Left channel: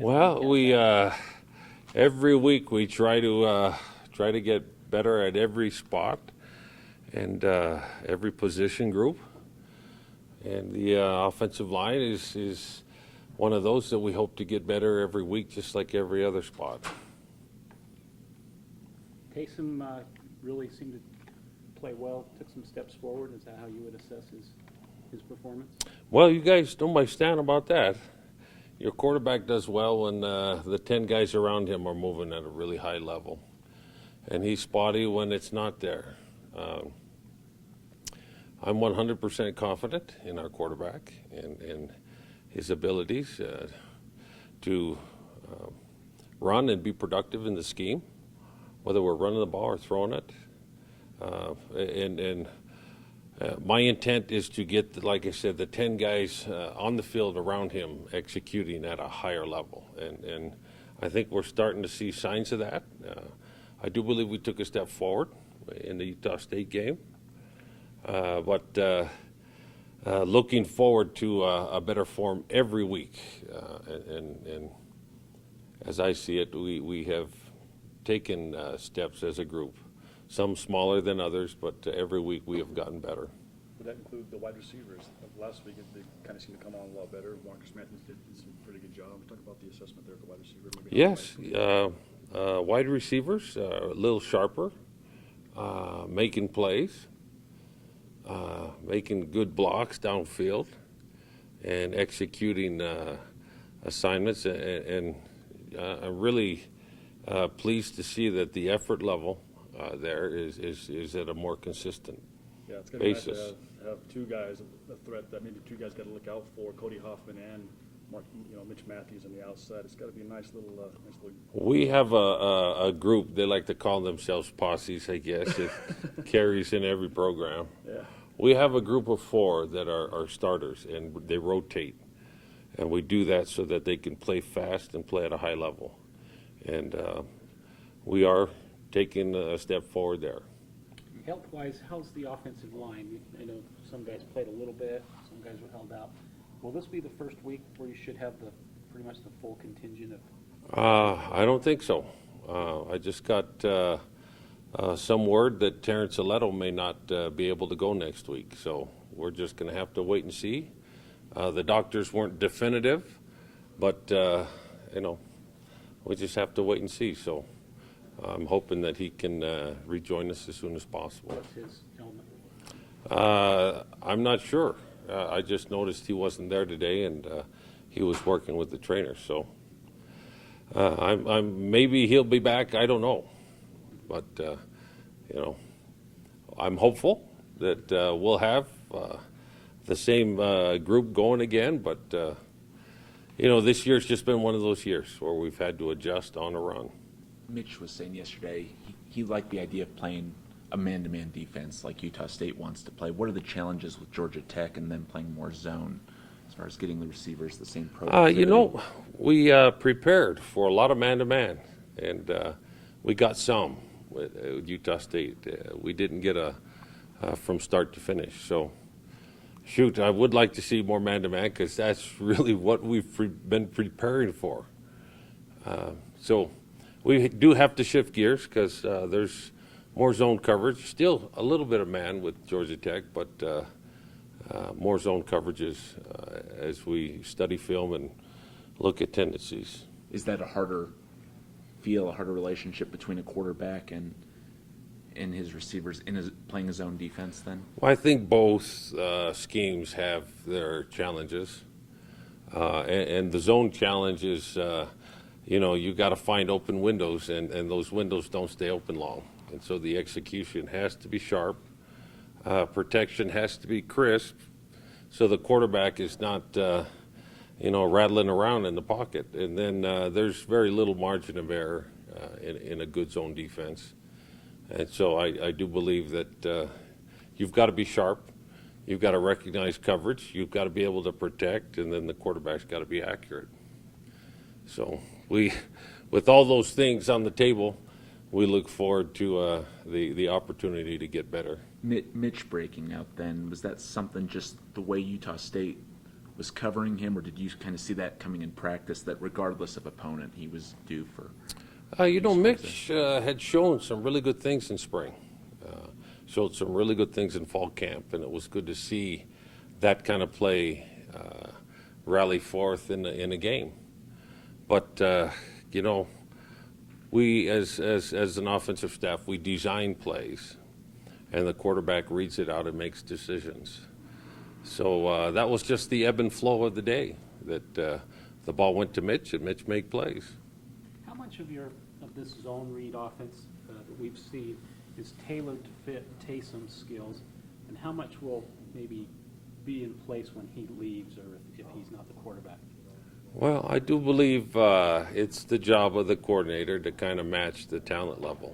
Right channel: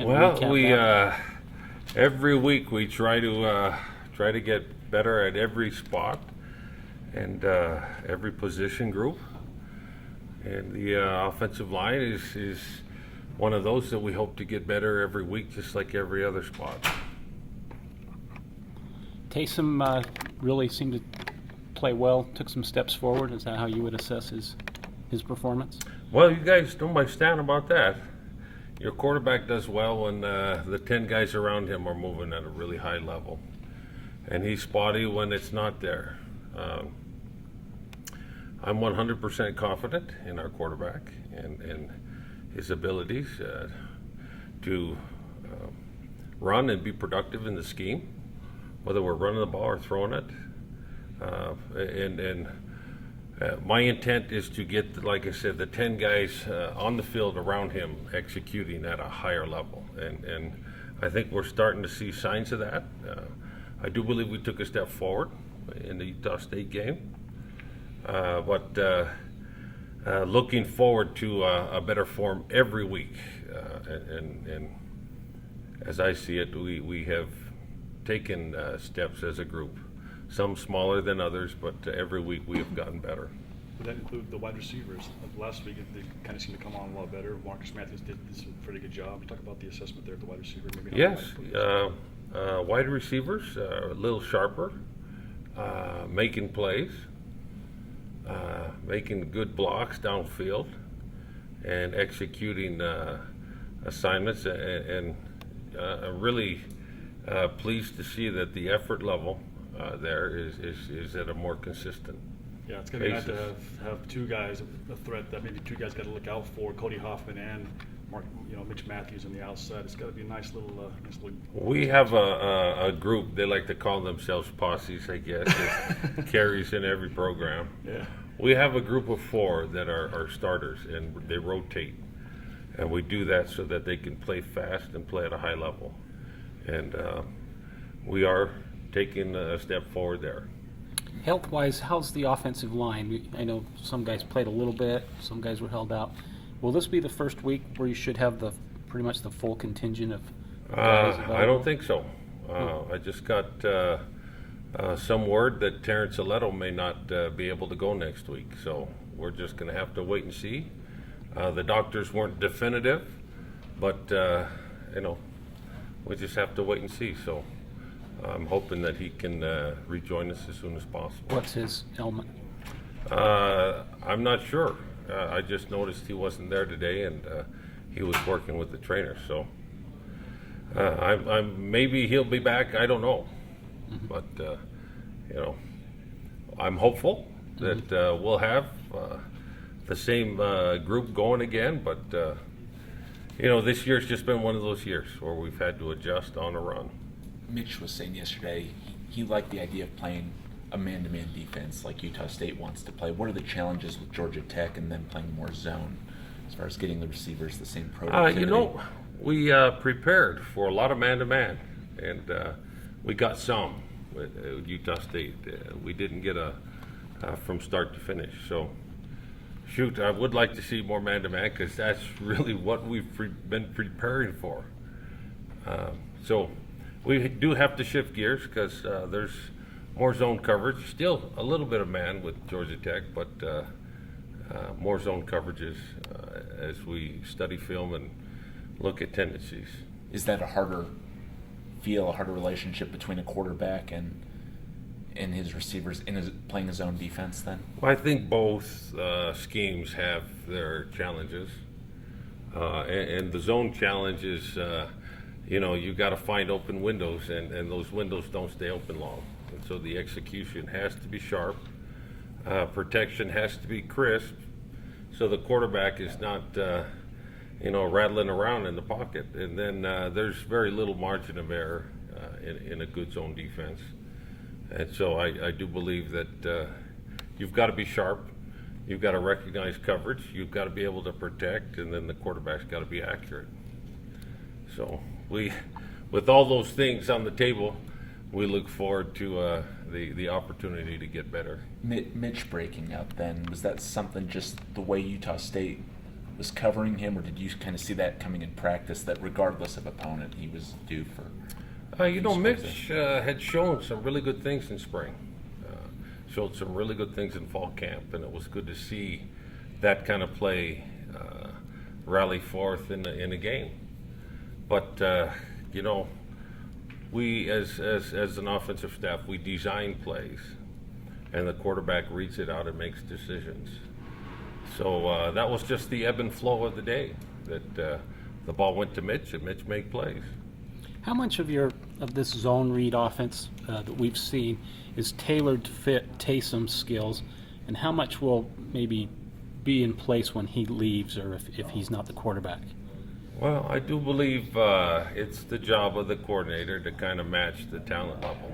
Well, we every week we try to get better at every spot and every position group, and the offensive line is one of those that we hope to get better every week, just like every other spot. Taysom really seemed to play well, took some steps forward. Is that how you would assess his performance? Well, you guys know my stand about that. Your quarterback does well when the 10 guys around him are moving at a really high level, and he's spotty when it's not there. I'm 100% confident in our quarterback and his abilities to run and be productive in the scheme, whether we're running the ball or throwing it. My intent is to get, like I said, the 10 guys on the field around him executing at a higher level. And I think we're starting to see signs of that. I do believe we took a step forward in the Utah State game. But looking forward to a better form every week. And as I see it, we have taken steps as a group. Some smaller than others, but every week we have gotten better. Would that include the wide receivers? Last week they kind of seemed to come on a lot better. Marcus Matthews did a pretty good job. Talk about the assessment there of the wide receiver. Yes, wide receivers a little sharper, making plays, making good blocks downfield, and executing assignments. And I'm really pleased to see that the effort level there is at a more consistent it's going to be nice basis. to have two guys, a threat that maybe two guys got to look out for, Cody Hoffman and Mitch Matthews on the outside. It's got to be a nice little. We have a group, they like to call themselves posses, I guess. It carries in every program. Yeah. We have a group of 4 that are starters, and they rotate. And we do that so that they can play fast and play at a high level. And we are taking a step forward there. Health-wise, how's the offensive line? I know some guys played a little bit, some guys were held out. Will this be the first week where you should have pretty much the full contingent of guys? I don't think so. I just got some word that Terrence Aletto may not be able to go next week, so we're just going to have to wait and see. The doctors weren't definitive, but we just have to wait and see. So I'm hoping that he can rejoin us as soon as possible. What's his ailment? I'm not sure. I just noticed he wasn't there today, and he was working with the trainer. So I'm maybe he'll be back. I don't know, but I'm hopeful that we'll have the same group going again. But this year's just been one of those years where we've had to adjust on a run. Mitch was saying yesterday he liked the idea of playing a man-to-man defense like Utah State wants to play. What are the challenges with Georgia Tech and then playing more zone as far as getting the receivers the same productivity? We prepared for a lot of man-to-man, and we got some with Utah State. We didn't get from start to finish. So, I would like to see more man-to-man because that's really what we've been preparing for. So we do have to shift gears because there's more zone coverage. Still a little bit of man with Georgia Tech, but more zone coverages as we study film and look at tendencies. Is that a harder relationship between a quarterback and his receivers playing his own defense then? Well, I think both schemes have their challenges. And the zone challenge is, you got to find open windows, and those windows don't stay open long. And so the execution has to be sharp. Protection has to be crisp, so the quarterback is not, rattling around in the pocket. And then there's very little margin of error in a good zone defense. And so I do believe that you've got to be sharp. You've got to recognize coverage. You've got to be able to protect, and then the quarterback's got to be accurate. So with all those things on the table, we look forward to the opportunity to get better. Mitch breaking up, then was that something just the way Utah State was covering him, or did you kind of see that coming in practice, that regardless of opponent, he was due for? Mitch had shown some really good things in spring, showed some really good things in fall camp, and it was good to see that kind of play rally forth in a game. But we as an offensive staff, we design plays, and the quarterback reads it out and makes decisions. So that was just the ebb and flow of the day. That the ball went to Mitch, and Mitch made plays. How much of this zone read offense that we've seen is tailored to fit Taysom's skills, and how much will maybe be in place when he leaves or if he's not the quarterback? Well, I do believe it's the job of the coordinator to kind of match the talent level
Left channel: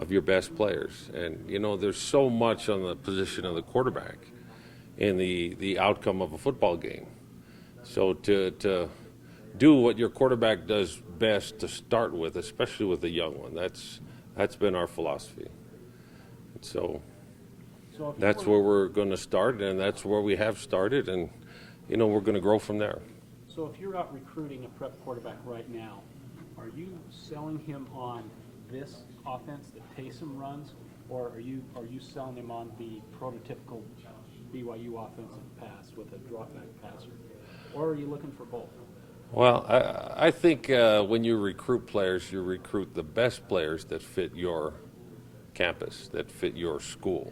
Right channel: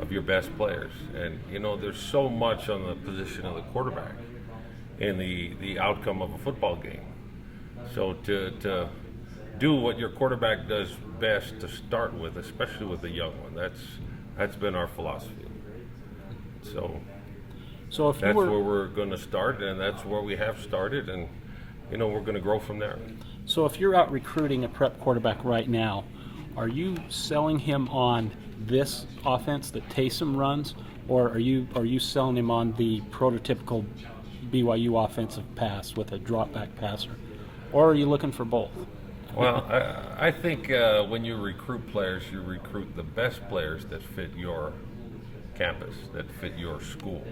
of your best players. And, there's so much on the position of the quarterback in the outcome of a football game. So to do what your quarterback does best to start with, especially with a young one, that's been our philosophy. So if that's where we're going to start, and that's where we have started, and we're going to grow from there. So if you're out recruiting a prep quarterback right now, are you selling him on this offense that Taysom runs, or are you selling him on the prototypical BYU offensive pass with a drop back passer, or are you looking for both? Well, I think when you recruit players, you recruit the best players that fit your campus, that fit your school.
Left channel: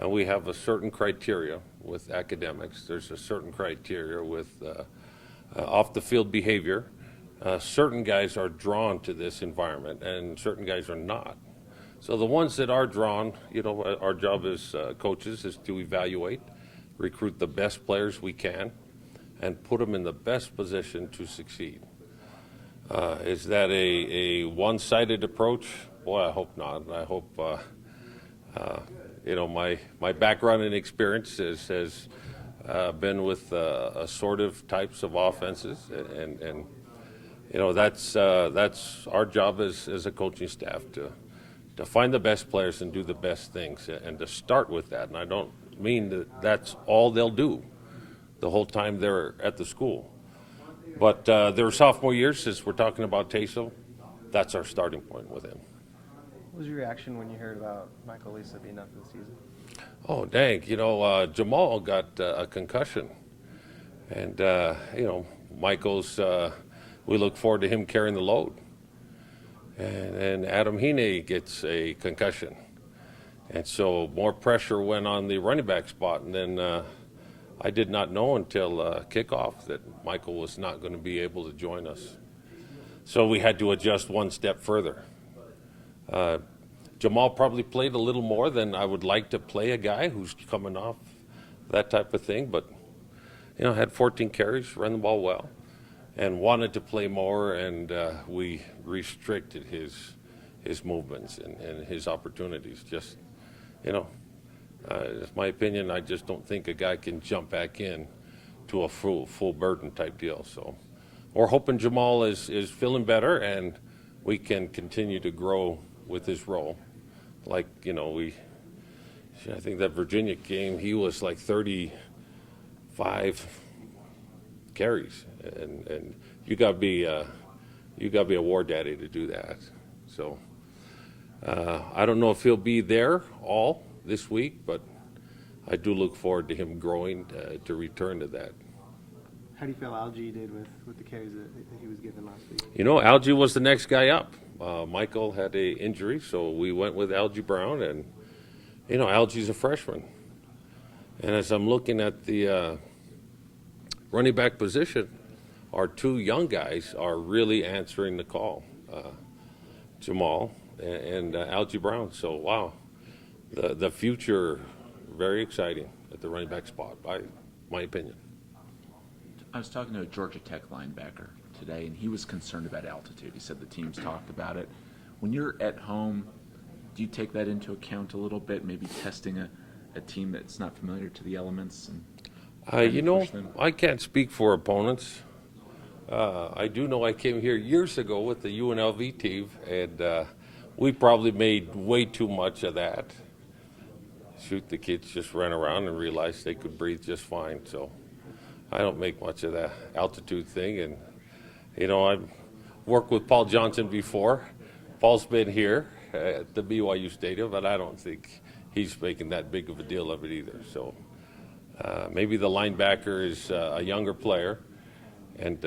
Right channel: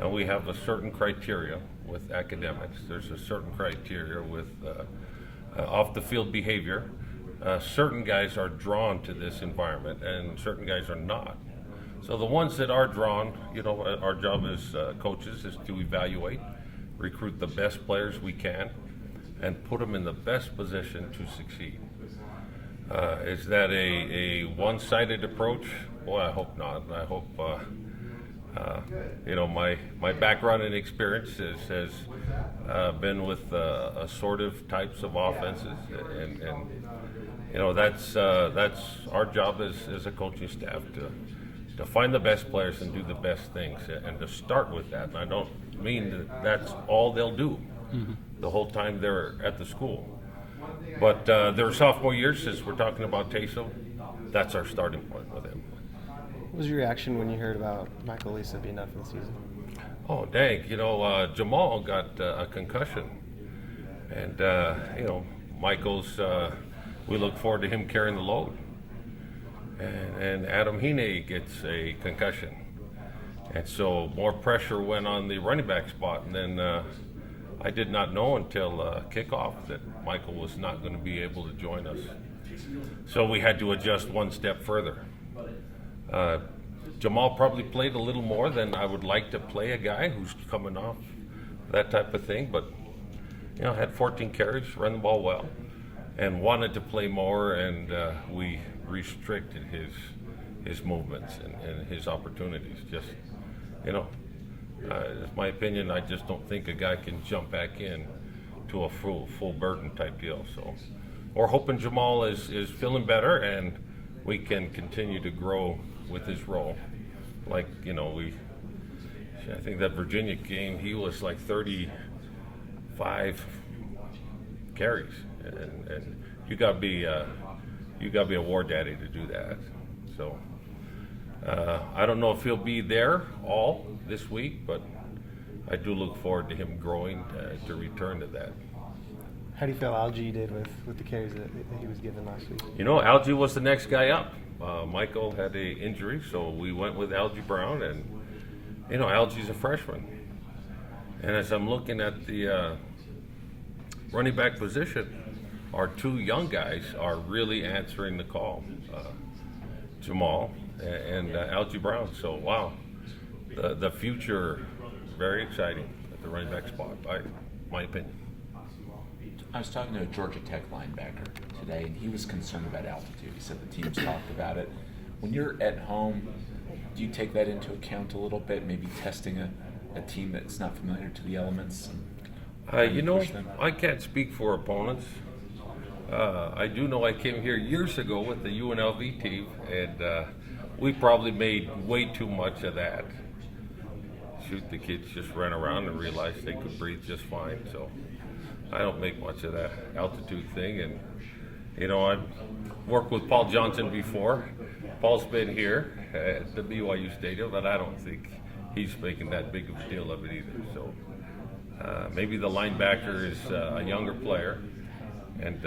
And we have a certain criteria with academics. There's a certain criteria with off-the-field behavior. Certain guys are drawn to this environment, and certain guys are not. So the ones that are drawn, our job as coaches is to evaluate, recruit the best players we can, and put them in the best position to succeed. Is that a one-sided approach? Boy, I hope not. I hope, my background and experience has been with assortive types of offenses, and that's our job as a coaching staff to find the best players and do the best things, and to start with that. And I don't mean that that's all they'll do the whole time they're at the school. But their sophomore year, since we're talking about Taysom, that's our starting point with him. What was your reaction when you heard about Michael Lisa being out for the season? Oh, dang. Jamal got a concussion. And, Michael's, we look forward to him carrying the load. And Adam Hine gets a concussion. And so more pressure went on the running back spot. And then I did not know until kickoff that Michael was not going to be able to join us. So we had to adjust one step further. Jamal probably played a little more than I would like to play a guy who's coming off that type of thing, but had 14 carries, ran the ball well, and wanted to play more, and we restricted his movements and his opportunities. Just, it's my opinion. I just don't think a guy can jump back in to a full burden type deal. So we're hoping Jamal is feeling better, and we can continue to grow with his role. Like, I think that Virginia game, he was like 35 carries, and you got to be a war daddy to do that. So I don't know if he'll be there all this week, but I do look forward to him growing to return to that. How do you feel Algie did with the carries that he was given last week? Algie was the next guy up. Michael had a injury, so we went with Algie Brown, and Algie's a freshman. And as I'm looking at the running back position, our two young guys are really answering the call, Jamal and Algie Brown. So wow, the future very exciting at the running back spot, by my opinion. I was talking to a Georgia Tech linebacker today, and he was concerned about altitude. He said the team's talked about it. When you're at home, do you take that into account a little bit, maybe testing a team that's not familiar to the elements? I can't speak for opponents. I do know I came here years ago with the UNLV team, and we probably made way too much of that. shoot, the kids just ran around and realized they could breathe just fine. So I don't make much of that altitude thing. And, you know, I've worked with Paul Johnson before. Paul's been here at the BYU Stadium, but I don't think he's making that big of a deal of it either. So maybe the linebacker is a younger player. And,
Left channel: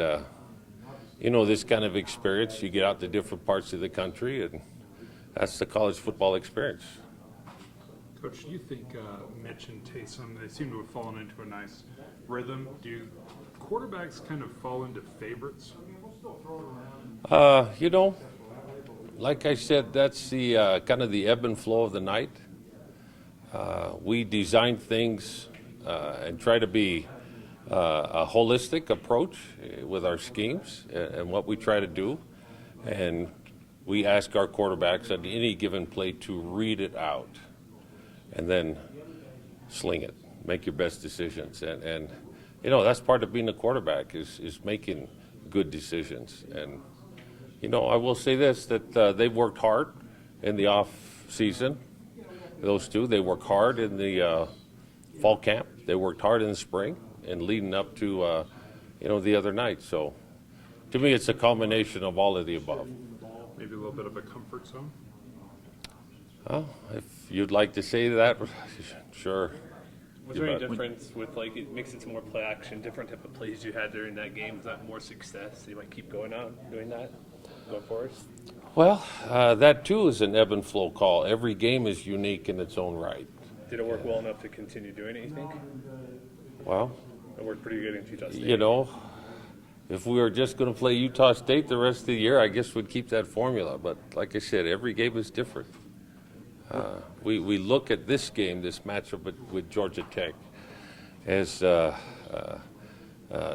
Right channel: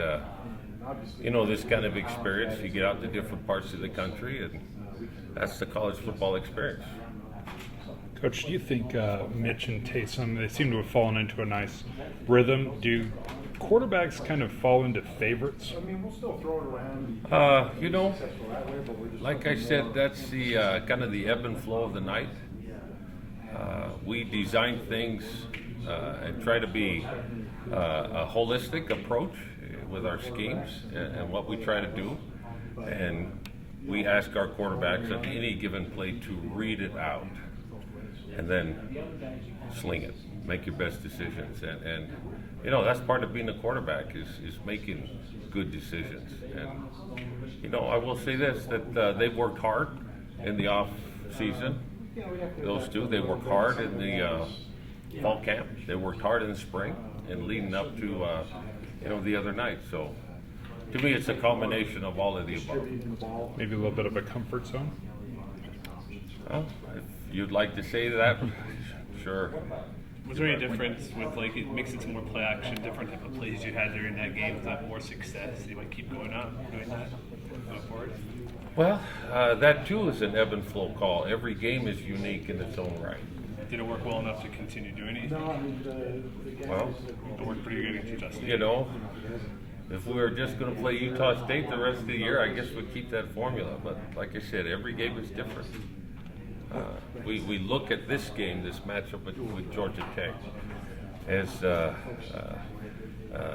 you know, this kind of experience, you get out to different parts of the country, and that's the college football experience. Coach, do you think Mitch and Taysom, they seem to have fallen into a nice rhythm? Do quarterbacks kind of fall into favorites? You know, like I said, that's the kind of the ebb and flow of the night. We design things and try to be a holistic approach with our schemes and what we try to do. And we ask our quarterbacks at any given play to read it out and then sling it, make your best decisions. And you know, that's part of being a quarterback is making good decisions. And, you know, I will say this, that they've worked hard in the off season. Those two, they worked hard in the fall camp. They worked hard in the spring and leading up to, you know, the other night. So to me, it's a combination of all of the above. Maybe a little bit of a comfort zone? Well, if you'd like to say that, sure. Was there any difference with, like, it makes it to more play action, different type of plays you had during that game? Was that more success? You might keep going on doing that going forward? Well, that too is an ebb and flow call. Every game is unique in its own right. Did it work well enough to continue doing it, you think? Well, It worked pretty good against Utah State. you know, if we were just going to play Utah State the rest of the year, I guess we'd keep that formula. But like I said, every game is different. We look at this game, this matchup with Georgia Tech, as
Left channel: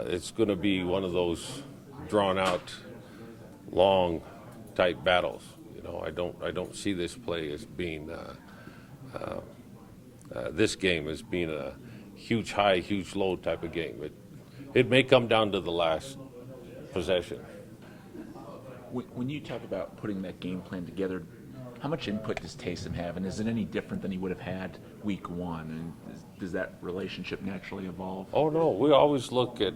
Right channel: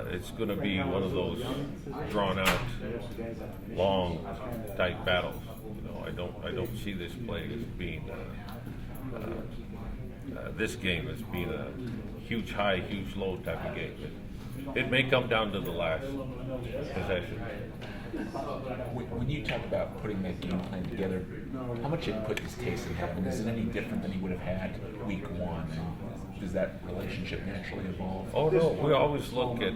it's going to be one of those drawn-out, long type battles. You know, I don't see this play as being this game as being a huge high, huge low type of game. It may come down to the last possession. When you talk about putting that game plan together, how much input does Taysom have, and is it any different than he would have had week one? And does that relationship naturally evolve? Oh no, we always look at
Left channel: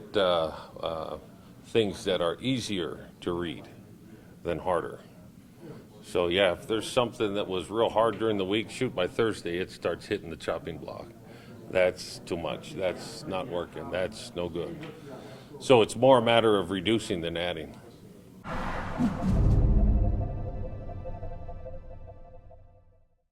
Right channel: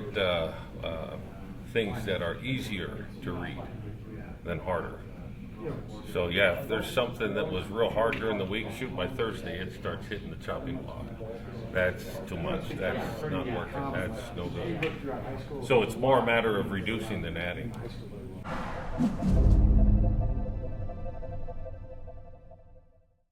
things that are easier to read than harder. So yeah, if there's something that was real hard during the week, shoot, by Thursday it starts hitting the chopping block. That's too much. That's not working. That's no good. So it's more a matter of reducing than adding.